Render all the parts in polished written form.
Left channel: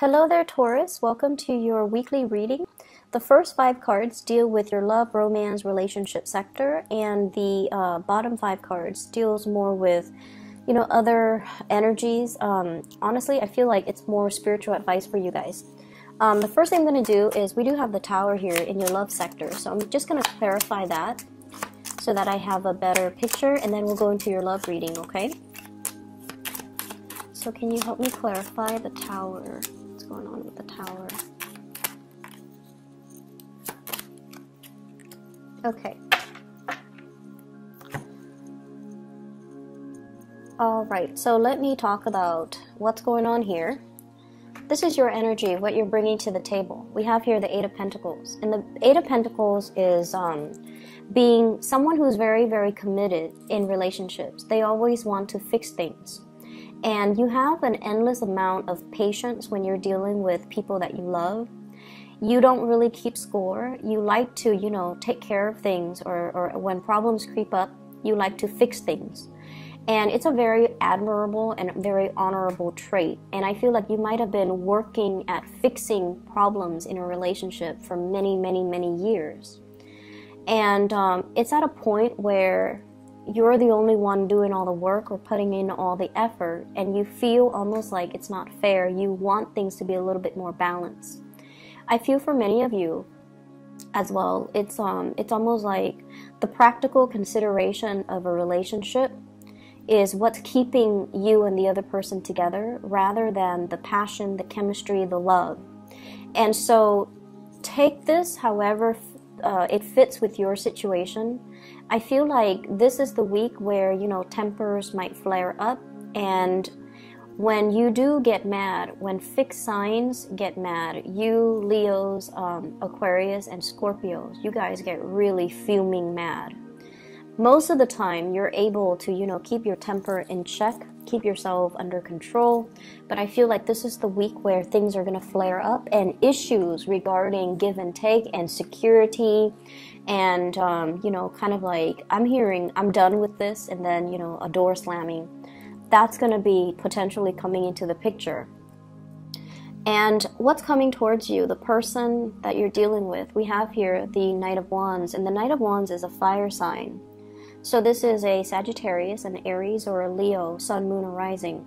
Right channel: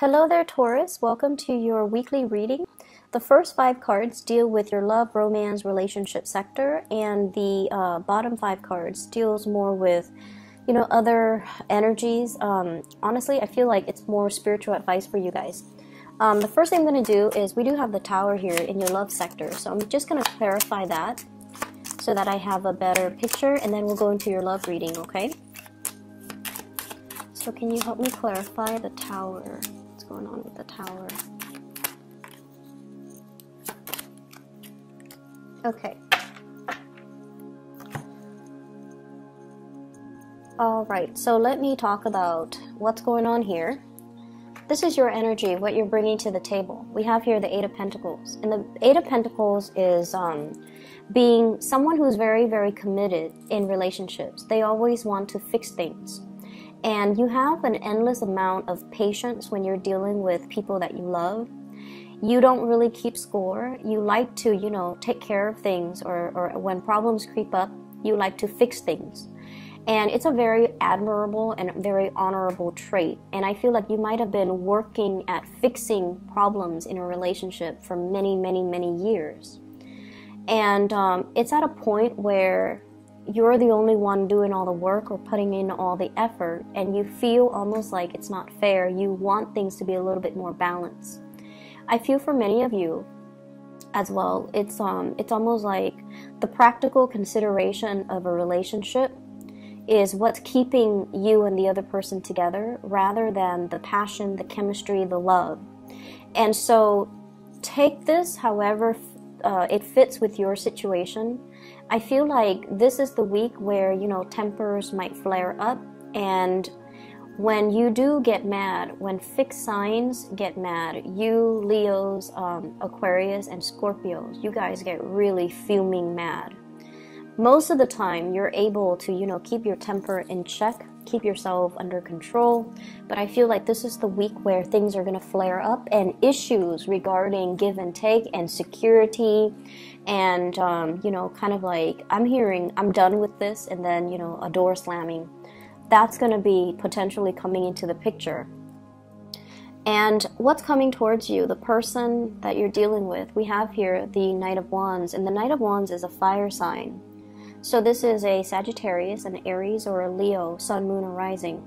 Hello there, Taurus. Welcome to your weekly reading. The first 5 cards deal with your love, romance, relationship sector, and the bottom 5 cards deals more with, other energies. Honestly, I feel like it's more spiritual advice for you guys. The first thing I'm going to do is we do have the Tower here in your love sector, so I'm just going to clarify that so that I have a better picture, and then we'll go into your love reading, okay? So can you help me clarify the Tower? What's going on with the Tower? Okay. Alright, so let me talk about what's going on here. This is your energy, what you're bringing to the table. We have here the Eight of Pentacles. And the Eight of Pentacles is being someone who's very, very committed in relationships. They always want to fix things. And you have an endless amount of patience when you're dealing with people that you love. You don't really keep score. You like to, take care of things, or when problems creep up, you like to fix things. And it's a very admirable and very honorable trait. And I feel like you might have been working at fixing problems in a relationship for many, many, many years. And it's at a point where you're the only one doing all the work or putting in all the effort, and you feel almost like it's not fair. You want things to be a little bit more balanced. I feel for many of you as well, it's almost like the practical consideration of a relationship is what's keeping you and the other person together, rather than the passion, the chemistry, the love. And so take this however it fits with your situation. I feel like this is the week where, tempers might flare up, and when you do get mad, when fixed signs get mad, you Leos, Aquarius, and Scorpios, you guys get really fuming mad. Most of the time, you're able to, keep your temper in check, keep yourself under control. But I feel like this is the week where things are going to flare up, and issues regarding give and take and security and, kind of like, I'm hearing, I'm done with this, and then, a door slamming. That's going to be potentially coming into the picture. And what's coming towards you, the person that you're dealing with, we have here the Knight of Wands, and the Knight of Wands is a fire sign. So this is a Sagittarius, an Aries, or a Leo, Sun, Moon, or Rising.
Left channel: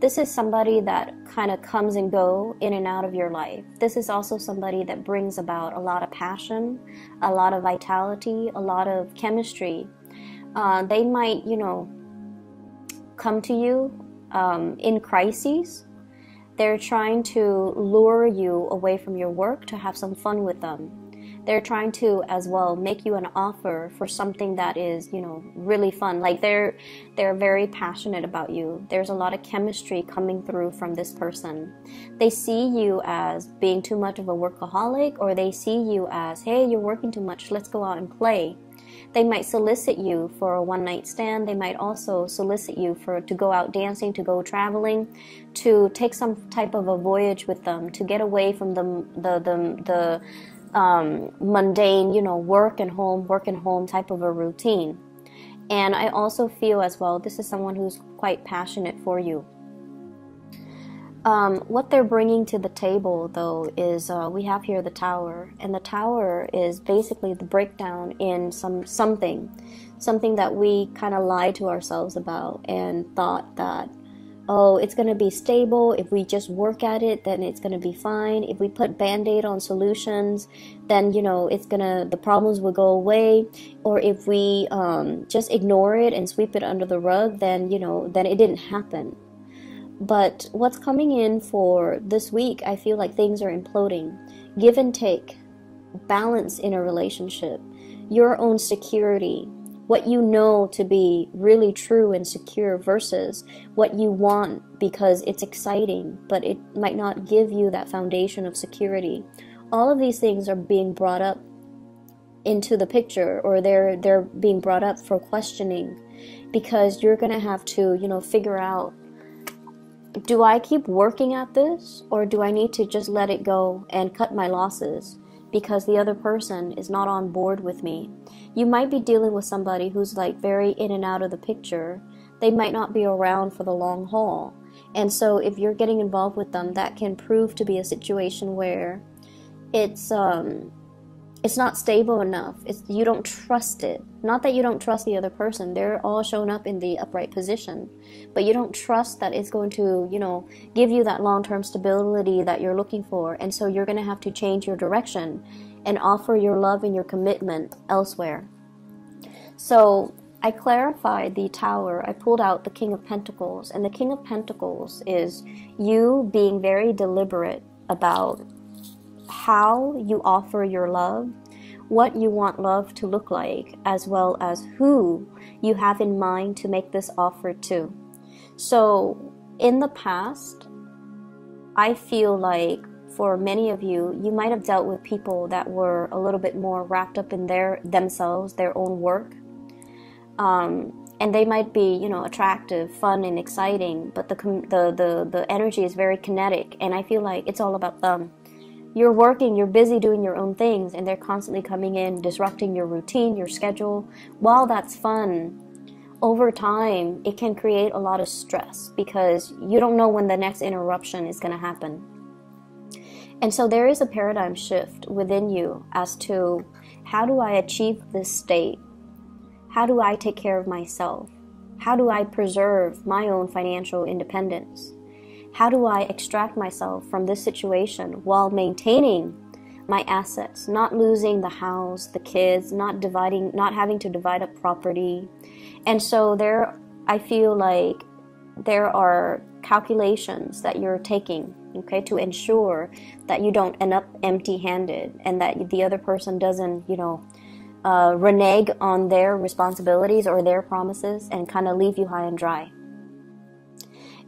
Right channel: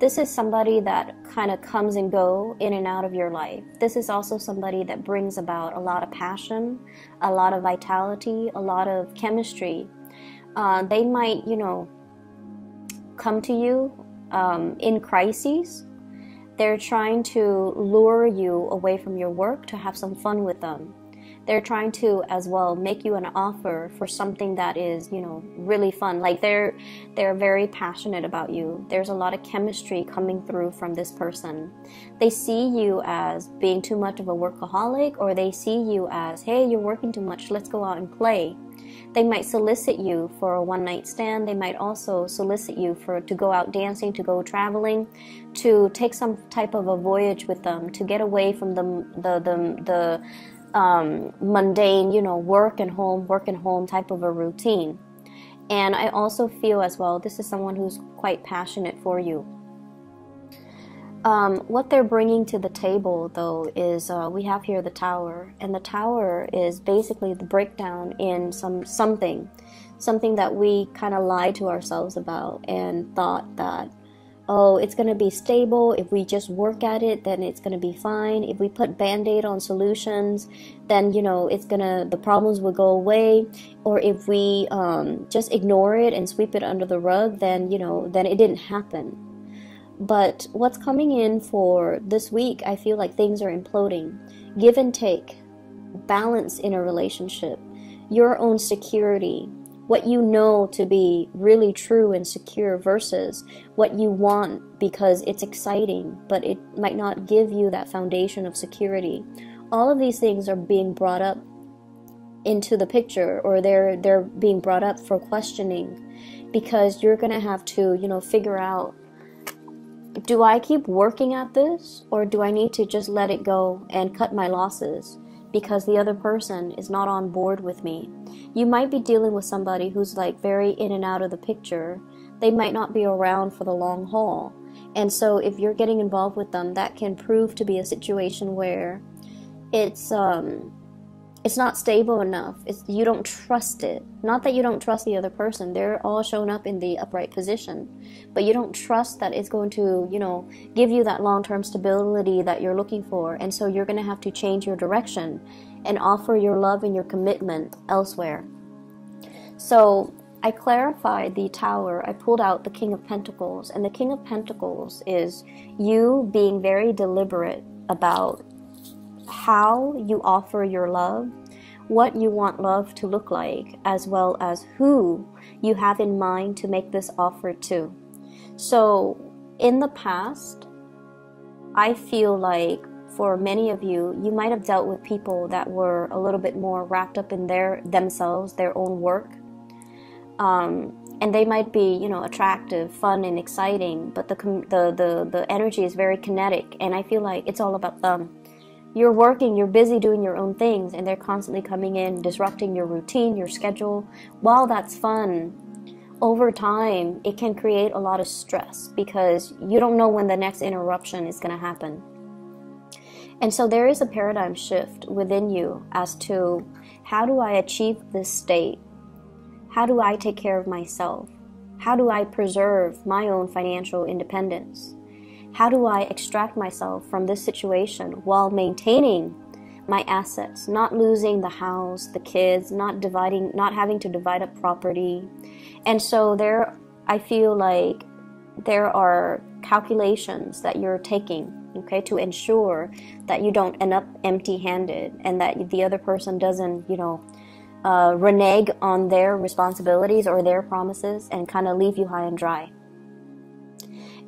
This is somebody that kind of comes and go in and out of your life. This is also somebody that brings about a lot of passion, a lot of vitality, a lot of chemistry. They might, come to you in crises. They're trying to lure you away from your work to have some fun with them. They're trying to, as well, make you an offer for something that is, really fun. Like they're very passionate about you. There's a lot of chemistry coming through from this person. They see you as being too much of a workaholic, or they see you as, hey, you're working too much, let's go out and play. They might solicit you for a one-night stand. They might also solicit you to go out dancing, to go traveling, to take some type of a voyage with them, to get away from the mundane, work and home type of a routine. And I also feel as well, this is someone who's quite passionate for you. What they're bringing to the table, though, is we have here the Tower, and the Tower is basically the breakdown in something that we kind of lied to ourselves about and thought that, oh, it's going to be stable. If we just work at it, then it's going to be fine. If we put Band-Aid on solutions, then, the problems will go away. Or if we just ignore it and sweep it under the rug, then, then it didn't happen. But what's coming in for this week, I feel like things are imploding. Give and take, balance in a relationship, your own security, what you know to be really true and secure versus what you want because it's exciting, but it might not give you that foundation of security. All of these things are being brought up into the picture, or they're being brought up for questioning, because you're going to have to, figure out, do I keep working at this, or do I need to just let it go and cut my losses because the other person is not on board with me? You might be dealing with somebody who's like very in and out of the picture. They might not be around for the long haul. And so if you're getting involved with them, that can prove to be a situation where it's not stable enough. You don't trust it. Not that you don't trust the other person. They're all shown up in the upright position. But you don't trust that it's going to, give you that long-term stability that you're looking for. And so you're going to have to change your direction and offer your love and your commitment elsewhere. So I clarified the Tower. I pulled out the King of Pentacles. And the King of Pentacles is you being very deliberate about how you offer your love, what you want love to look like, as well as who you have in mind to make this offer to. So in the past, I feel like for many of you, you might have dealt with people that were a little bit more wrapped up in themselves, their own work. And they might be, attractive, fun, and exciting, but the energy is very kinetic, and I feel like it's all about them. You're working, you're busy doing your own things, and they're constantly coming in, disrupting your routine, your schedule. While that's fun, over time, it can create a lot of stress because you don't know when the next interruption is going to happen. And so there is a paradigm shift within you as to how do I achieve this state? How do I take care of myself? How do I preserve my own financial independence? How do I extract myself from this situation while maintaining my assets, not losing the house, the kids, not having to divide up property? And so I feel like there are calculations that you're taking, okay, to ensure that you don't end up empty-handed and that the other person doesn't, renege on their responsibilities or their promises and kind of leave you high and dry.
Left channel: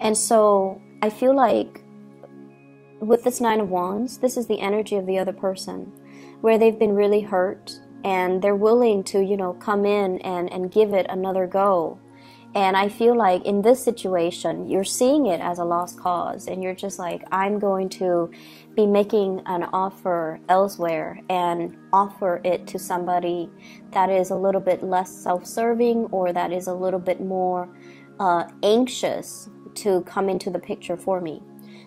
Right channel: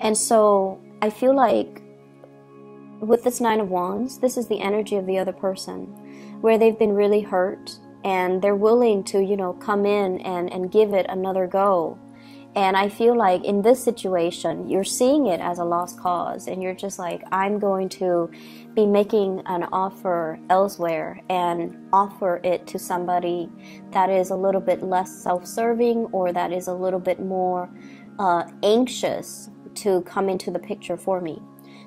And so I feel like with this Nine of Wands, this is the energy of the other person where they've been really hurt and they're willing to, come in and give it another go. And I feel like in this situation, you're seeing it as a lost cause and you're just like, I'm going to be making an offer elsewhere and offer it to somebody that is a little bit less self-serving or that is a little bit more anxious to come into the picture for me.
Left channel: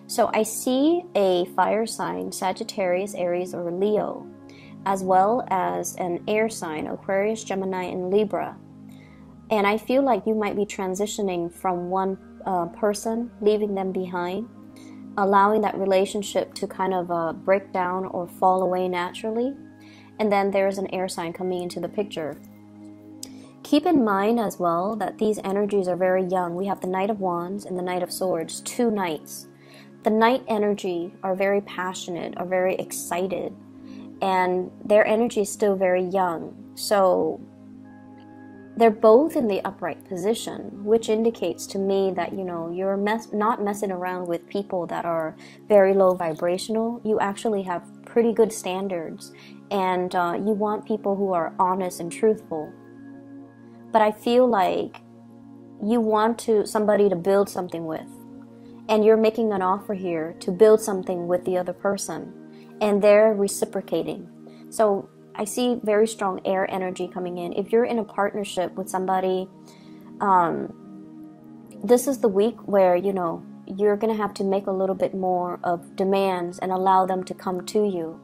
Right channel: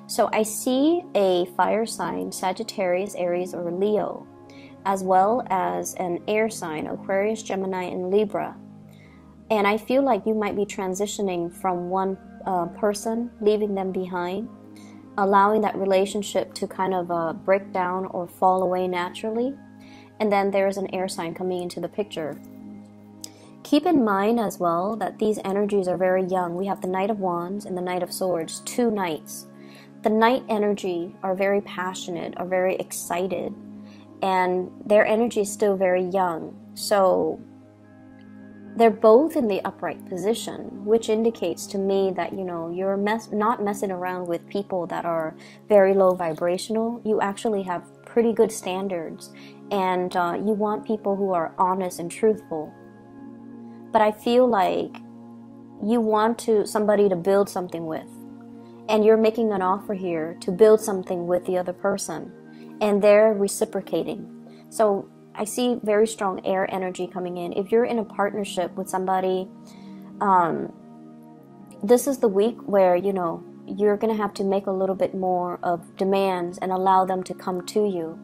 So I see a fire sign, Sagittarius, Aries, or Leo, as well as an air sign, Aquarius, Gemini, and Libra. And I feel like you might be transitioning from one person, leaving them behind, allowing that relationship to kind of break down or fall away naturally. And then there's an air sign coming into the picture. Keep in mind as well that these energies are very young. We have the Knight of Wands and the Knight of Swords, two knights. The Knight energy are very passionate, are very excited, and their energy is still very young. So they're both in the upright position, which indicates to me that, you're not messing around with people that are very low vibrational. You actually have pretty good standards, and you want people who are honest and truthful. But I feel like you want somebody to build something with, and you're making an offer here to build something with the other person, and they're reciprocating. So I see very strong air energy coming in. If you're in a partnership with somebody, this is the week where, you're going to have to make a little bit more of demands and allow them to come to you.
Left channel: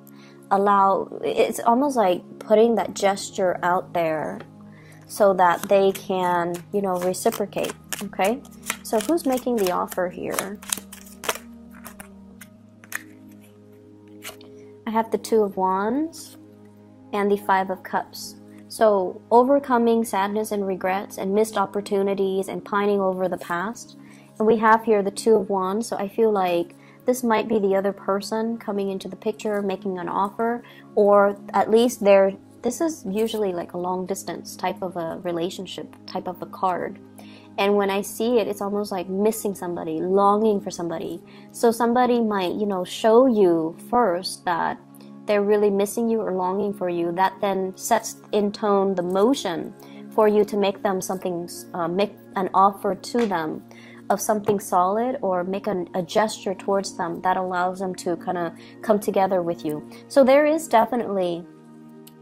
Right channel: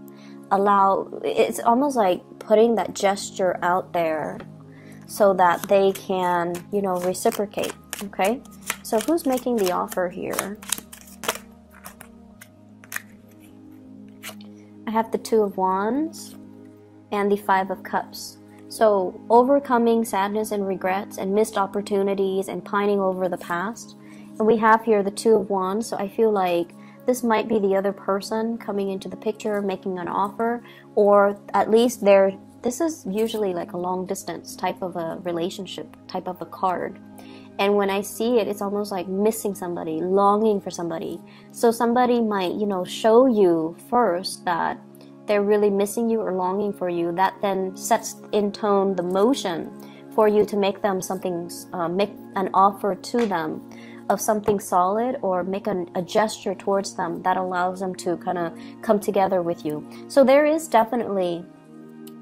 It's almost like putting that gesture out there so that they can, reciprocate, okay? So who's making the offer here? I have the Two of Wands and the Five of Cups. So overcoming sadness and regrets and missed opportunities and pining over the past. And we have here the Two of Wands. So I feel like this might be the other person coming into the picture, making an offer, or at least this is usually like a long distance type of a relationship, type of a card. And when I see it, it's almost like missing somebody, longing for somebody. So somebody might, show you first that they're really missing you or longing for you. That then sets in tone the motion for you to make them make an offer to them of something solid, or make a gesture towards them that allows them to kind of come together with you. So there is definitely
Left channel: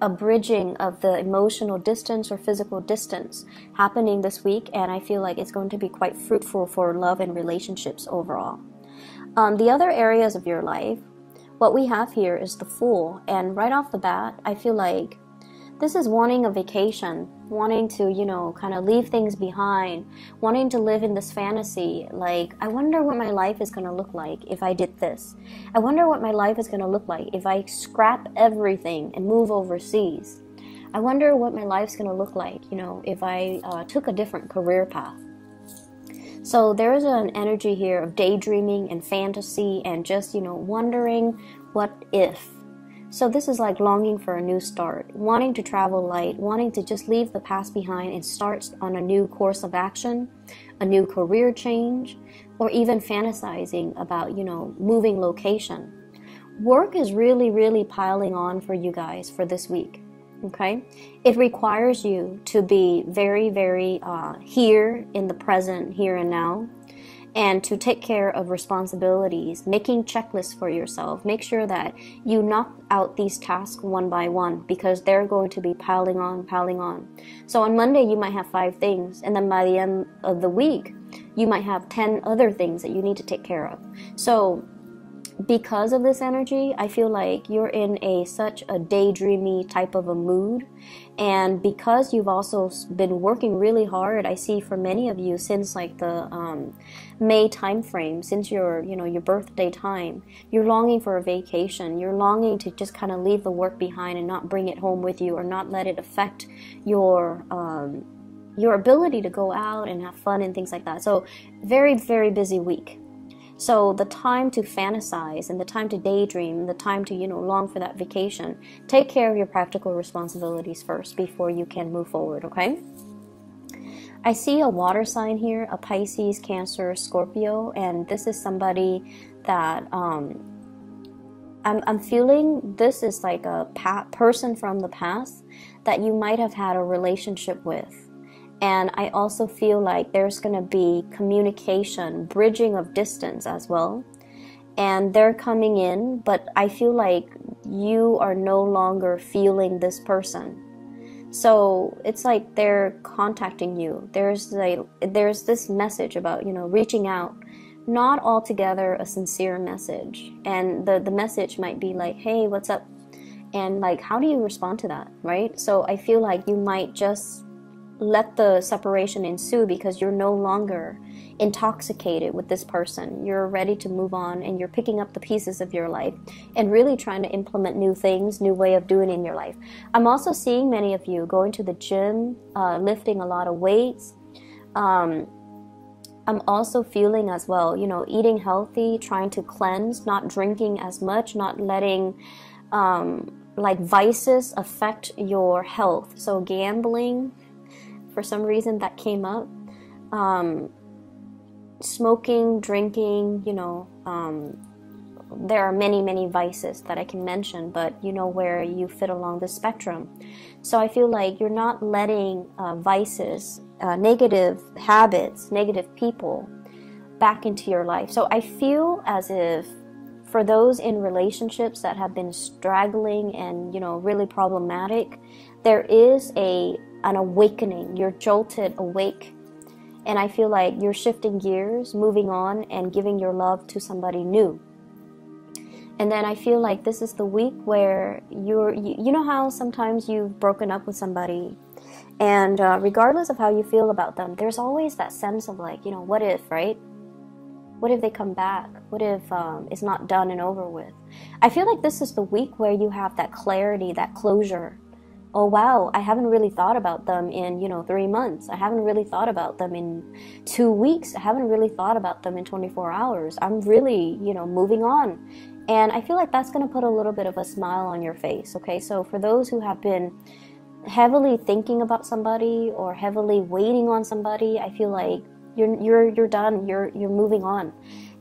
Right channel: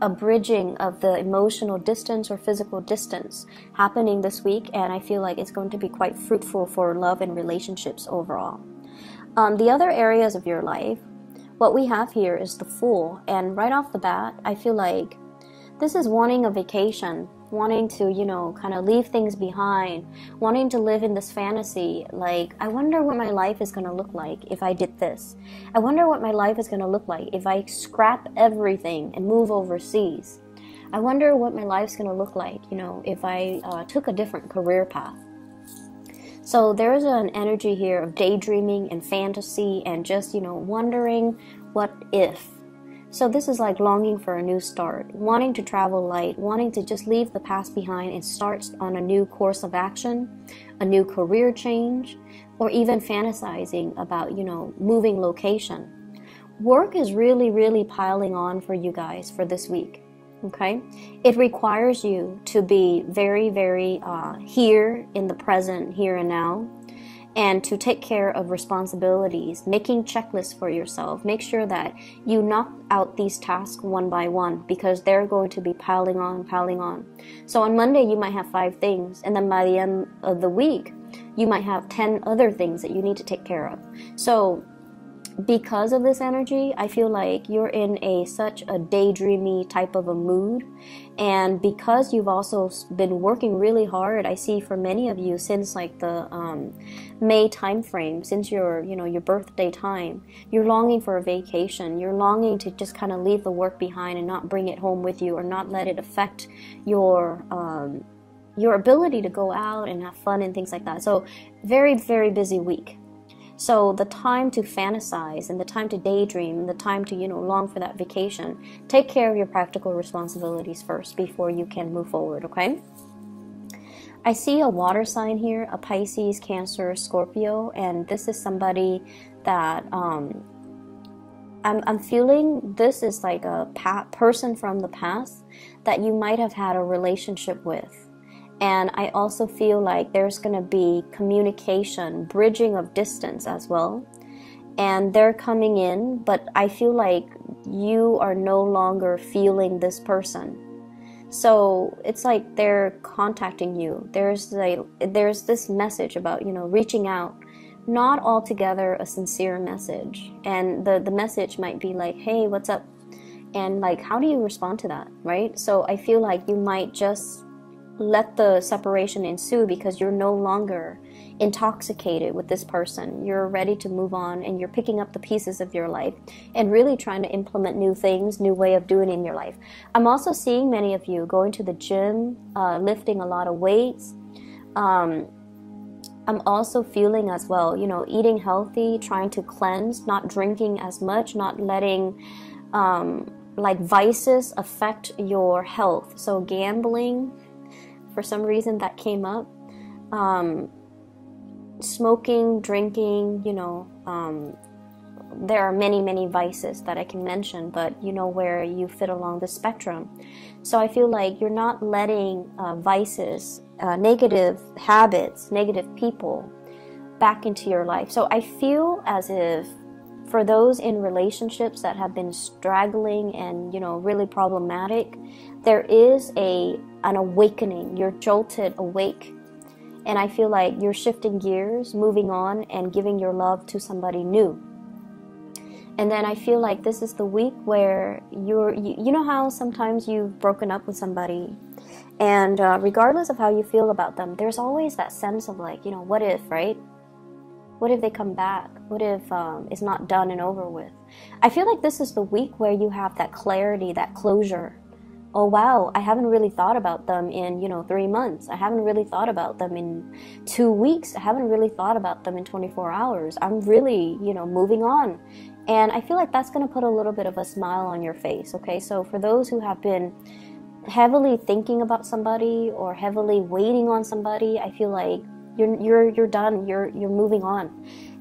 a bridging of the emotional distance or physical distance happening this week, and I feel like it's going to be quite fruitful for love and relationships overall. The other areas of your life, what we have here is the Fool, and right off the bat, I feel like this is wanting a vacation, wanting to, you know, kind of leave things behind, wanting to live in this fantasy. Like, I wonder what my life is going to look like if I did this. I wonder what my life is going to look like if I scrap everything and move overseas. I wonder what my life's going to look like, you know, if I took a different career path. So there's an energy here of daydreaming and fantasy and just, you know, wondering what if. So this is like longing for a new start, wanting to travel light, wanting to just leave the past behind and start on a new course of action, a new career change, or even fantasizing about, you know, moving location. Work is really, really piling on for you guys for this week, okay? It requires you to be very, very here in the present, here and now, and to take care of responsibilities, making checklists for yourself. Make sure that you knock out these tasks one by one because they're going to be piling on. So on Monday, you might have 5 things, and then by the end of the week, you might have 10 other things that you need to take care of. So because of this energy, I feel like you're in such a daydreamy type of a mood. And because you've also been working really hard, I see for many of you since like the May time frame, since your birthday time, you're longing for a vacation. You're longing to just kind of leave the work behind and not bring it home with you, or not let it affect your ability to go out and have fun and things like that. So very, very busy week. So the time to fantasize and the time to daydream and the time to, you know, long for that vacation, take care of your practical responsibilities first before you can move forward, okay? I see a water sign here, a Pisces, Cancer, Scorpio, and this is somebody that I'm feeling this is like a person from the past that you might have had a relationship with. And I also feel like there's going to be communication, bridging of distance as well. And they're coming in, but I feel like you are no longer feeling this person. So it's like they're contacting you. There's this message about, you know, reaching out. Not altogether a sincere message. And the message might be like, hey, what's up? And like, how do you respond to that, right? So I feel like you might just let the separation ensue because you're no longer intoxicated with this person. You're ready to move on, and you're picking up the pieces of your life and really trying to implement new things, new way of doing in your life. I'm also seeing many of you going to the gym, lifting a lot of weights. I'm also feeling as well, you know, eating healthy, trying to cleanse, not drinking as much, not letting like vices affect your health. So gambling, for some reason that came up, smoking, drinking, you know, there are many vices that I can mention, but you know where you fit along the spectrum. So I feel like you're not letting vices, negative habits, negative people back into your life. So I feel as if for those in relationships that have been straggling and, you know, really problematic, there is an awakening. You're jolted awake. And I feel like you're shifting gears, moving on, and giving your love to somebody new. And then I feel like this is the week where you know how sometimes you've broken up with somebody, and regardless of how you feel about them, there's always that sense of like, you know, what if, right? What if they come back? What if it's not done and over with? I feel like this is the week where you have that clarity, that closure. Oh, wow, I haven't really thought about them in, you know, 3 months. I haven't really thought about them in 2 weeks. I haven't really thought about them in 24 hours. I'm really, you know, moving on. And I feel like that's going to put a little bit of a smile on your face, okay? So for those who have been heavily thinking about somebody or heavily waiting on somebody, I feel like you're done. You're moving on.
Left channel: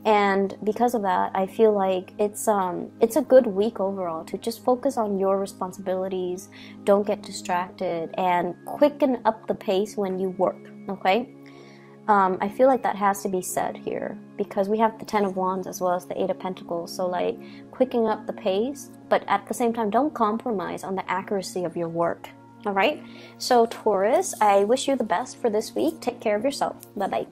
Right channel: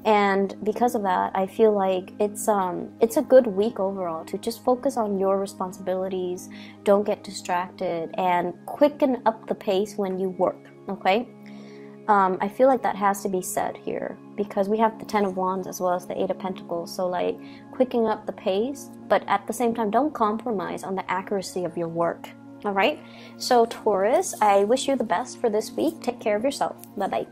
And because of that, I feel like it's a good week overall to just focus on your responsibilities. Don't get distracted, and quicken up the pace when you work, okay? I feel like that has to be said here because we have the Ten of Wands as well as the Eight of Pentacles. So like quicking up the pace, but at the same time, don't compromise on the accuracy of your work. All right. So Taurus, I wish you the best for this week. Take care of yourself. Bye-bye.